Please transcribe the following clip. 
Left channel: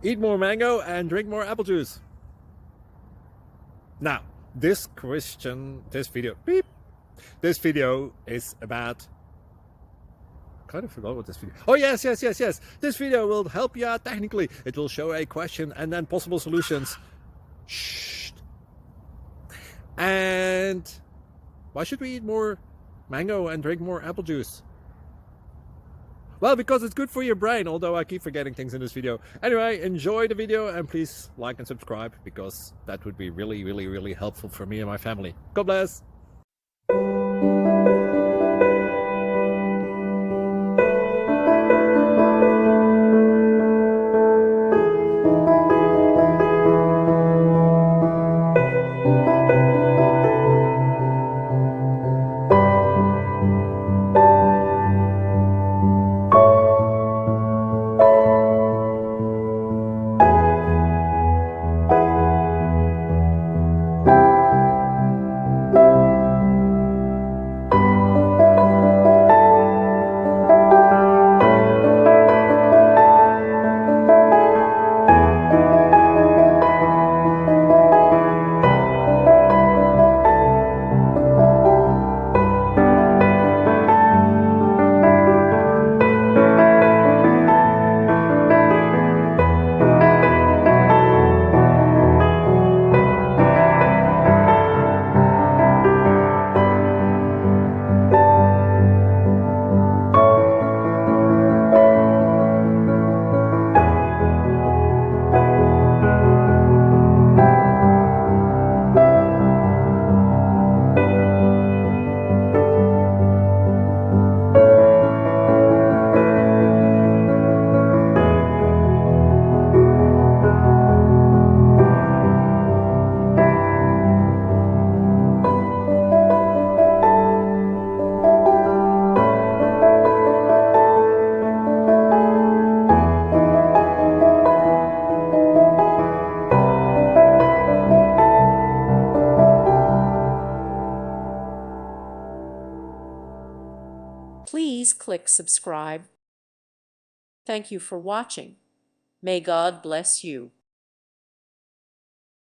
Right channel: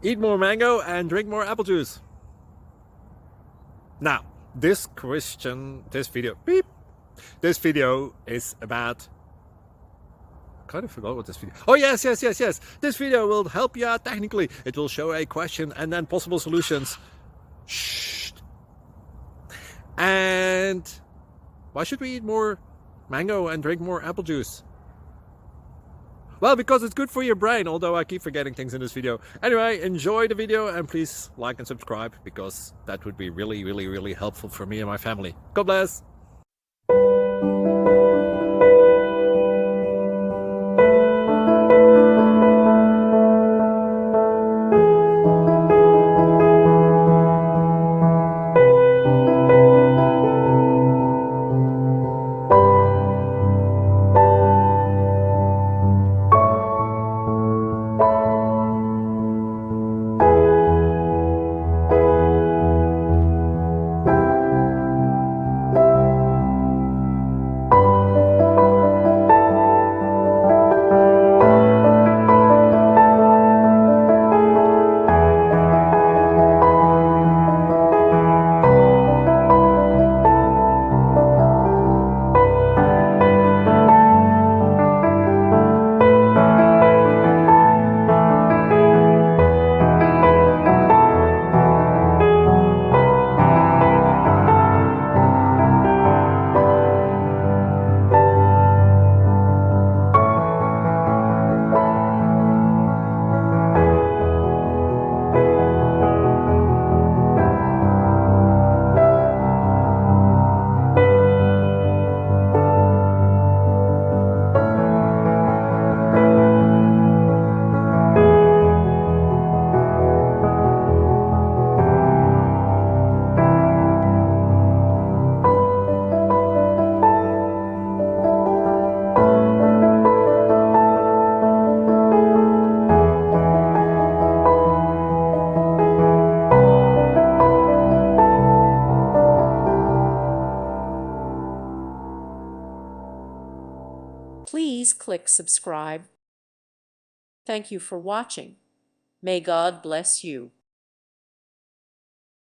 Eat more mango and drink more apple juice. Now, this video is about, I kind of forgot what this video. Oh, yes. This video will help you out technically. It will show a question and then possible solutions. Shh. And why should we eat more mango and drink more apple juice? Well, because it's good for your brain, although I keep forgetting things in this video. Anyway, enjoy the video and please like and subscribe, because that would be really helpful for me and my family. God bless! Please click subscribe. Thank you for watching. May God bless you.